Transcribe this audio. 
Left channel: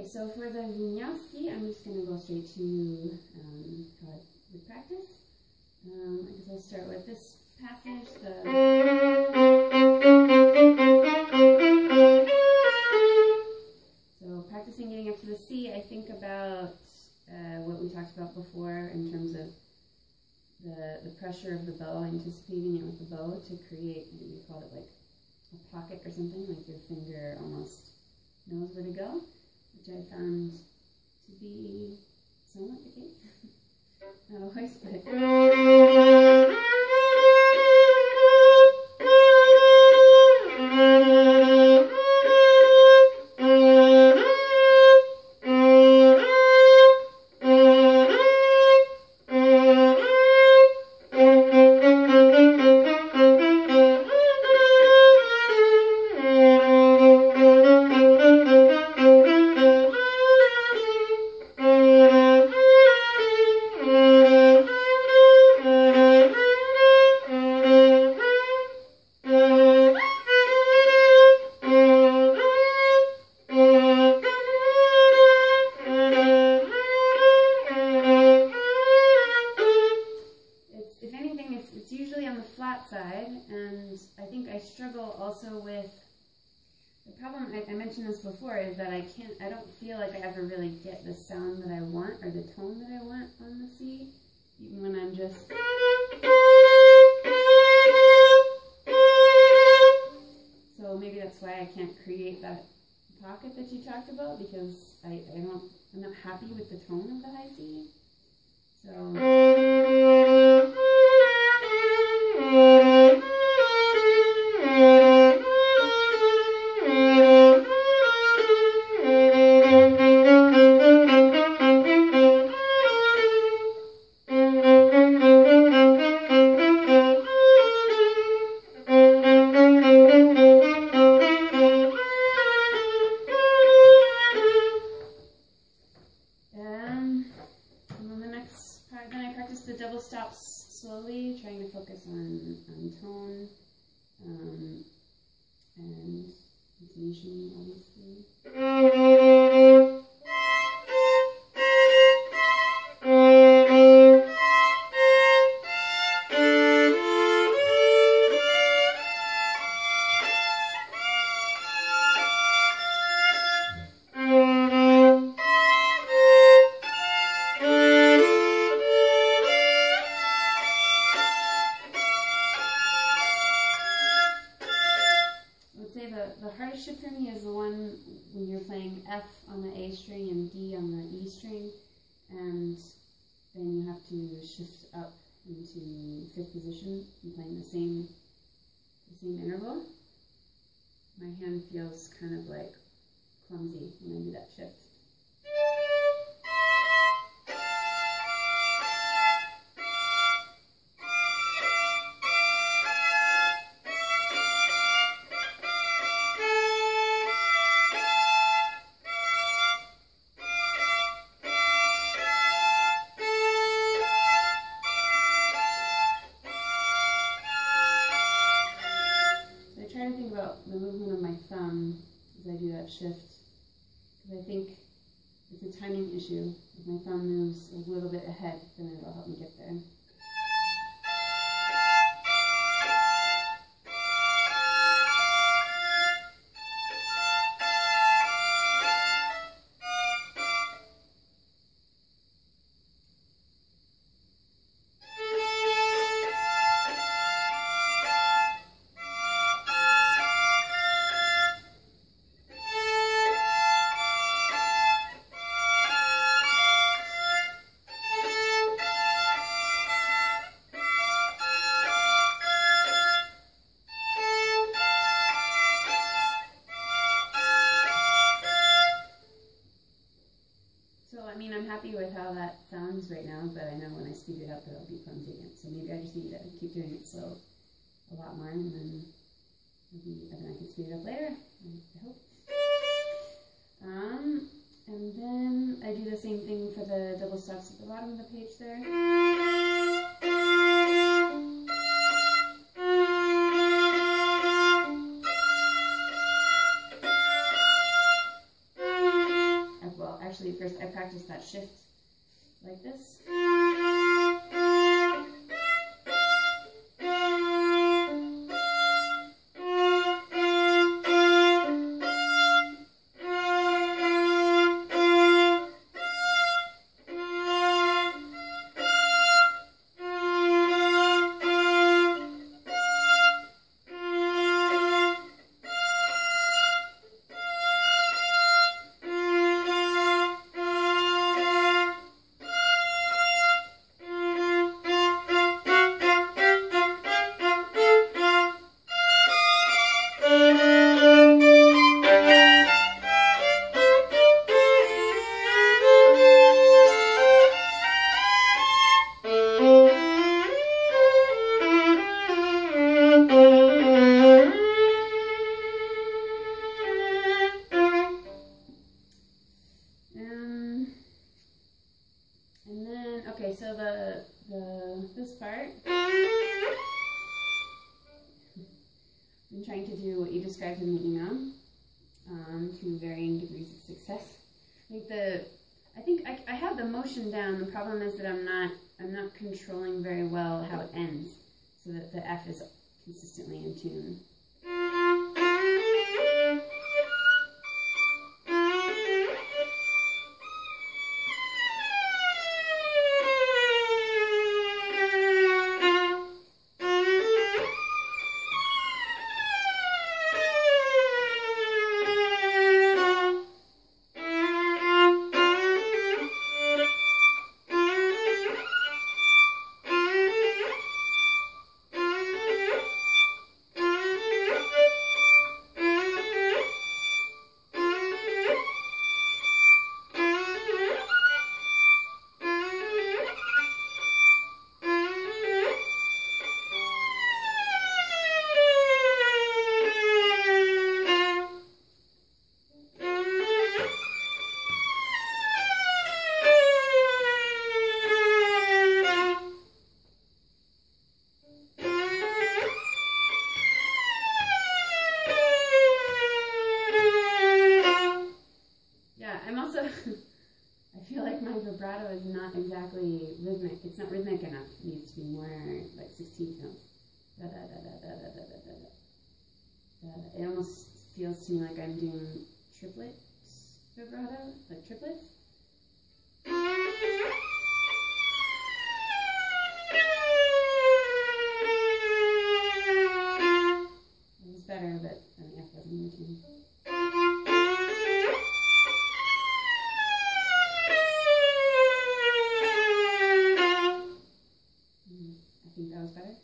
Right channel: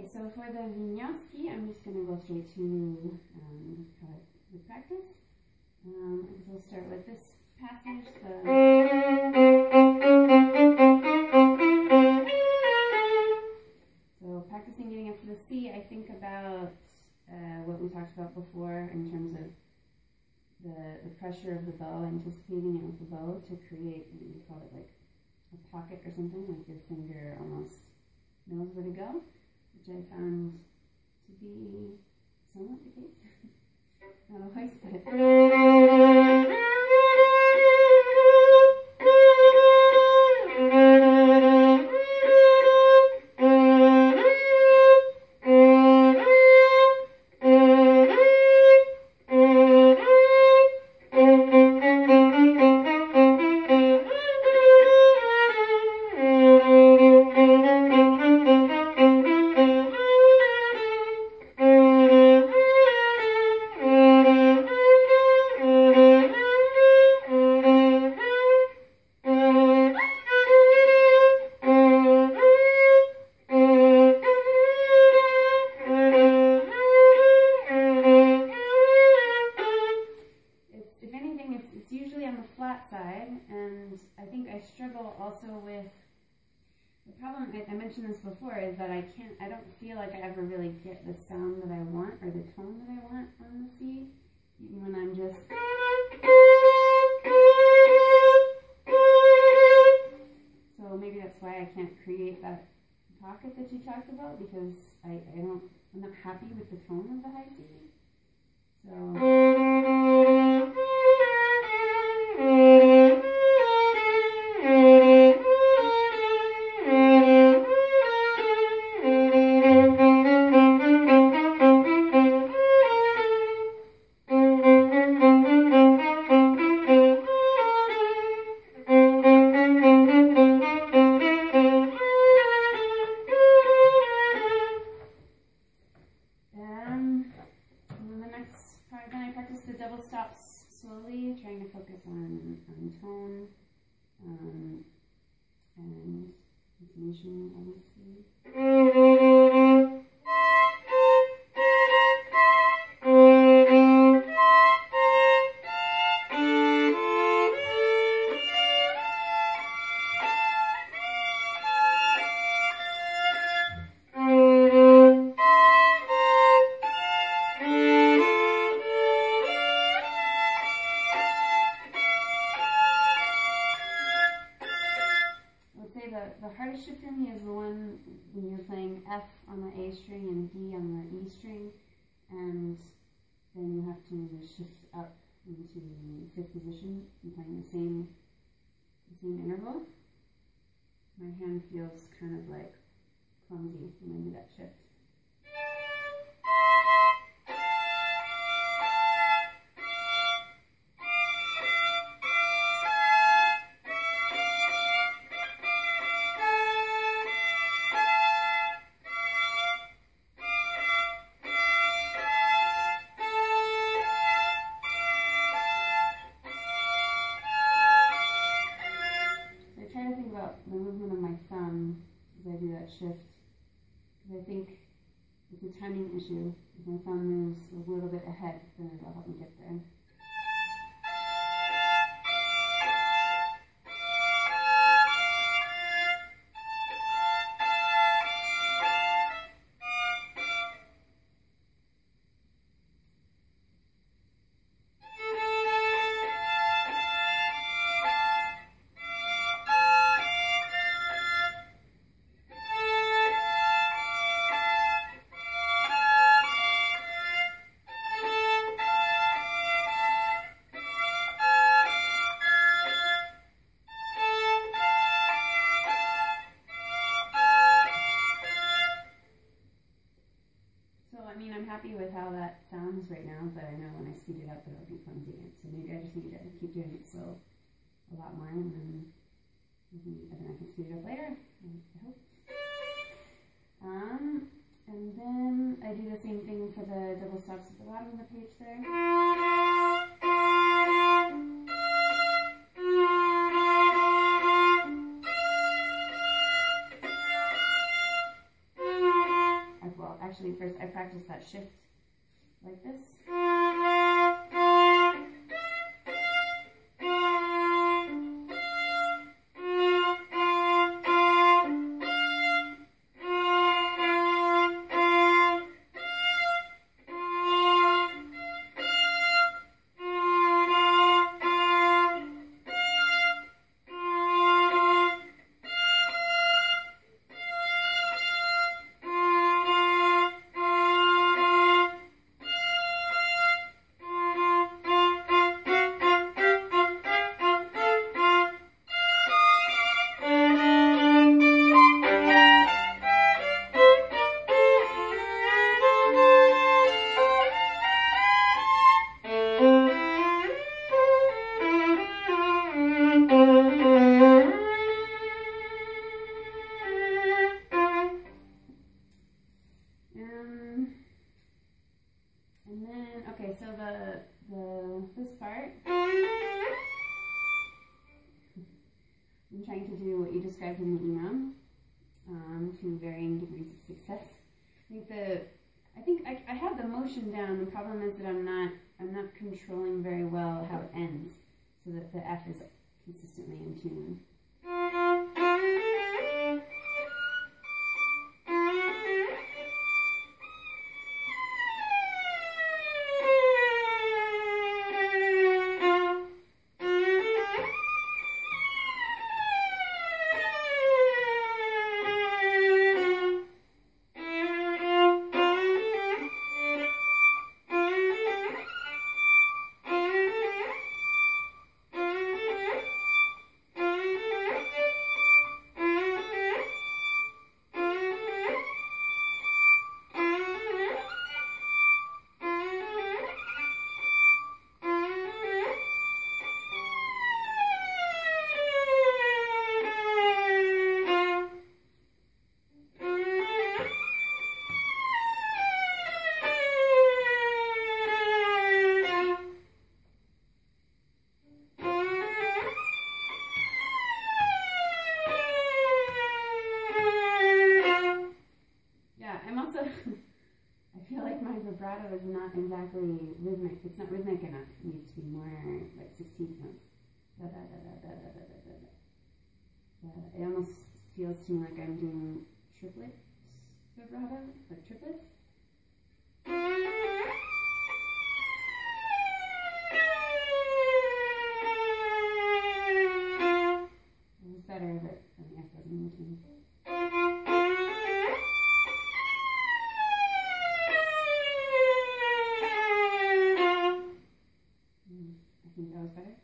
Okay, so for the Wieniawski, I'm just going to go straight to how I would practice. I guess I'll start with this passage. So practicing getting up to the C, I think about what we talked about before in terms of the pressure of the bow, anticipating it with the bow to create, you call it like a pocket or something, like your finger almost knows where to go, which I found to be somewhat the case. Not always, but... It's usually on the flat side, and I think I struggle also with the problem. I mentioned this before, is that I don't feel like I ever really get the sound that I want or the tone that I want on the C, even when I'm just. So maybe that's why I can't create that pocket that you talked about, because I'm not happy with the tone of the high C. So. Then I practice the double stops slowly, trying to focus on tone and intonation, obviously. The hardest shift for me is the one when you're playing F on the A string and D on the E string, and then you have to shift up into fifth position and playing the same interval. My hand feels kind of like clumsy when I do that shift. Try to think about the movement of my thumb as I do that shift, because I think it's a timing issue. If my thumb moves a little bit ahead, then it'll help me get there. I'm happy with how that sounds right now, but I know when I speed it up, it'll be clumsy again. So maybe I just need to keep doing it slow a lot more, and then I can speed it up later, I hope. And then I do the same thing for the double stops at the bottom of the page there. actually first I practiced that shift like this. And then, okay, so this part, I'm trying to do what you described in the email, to varying degrees of success. I think I have the motion down. The problem is that I'm not controlling very well how it ends, so that the F is consistently in tune. I feel like my vibrato is not exactly rhythmic. It's not rhythmic enough. It needs to be more like 16th notes. Da, da, da, da, da, da, da, da, da. It almost feels to me like I'm doing triplet vibrato, like triplets. It was better, but the F wasn't in tune. I think that was better.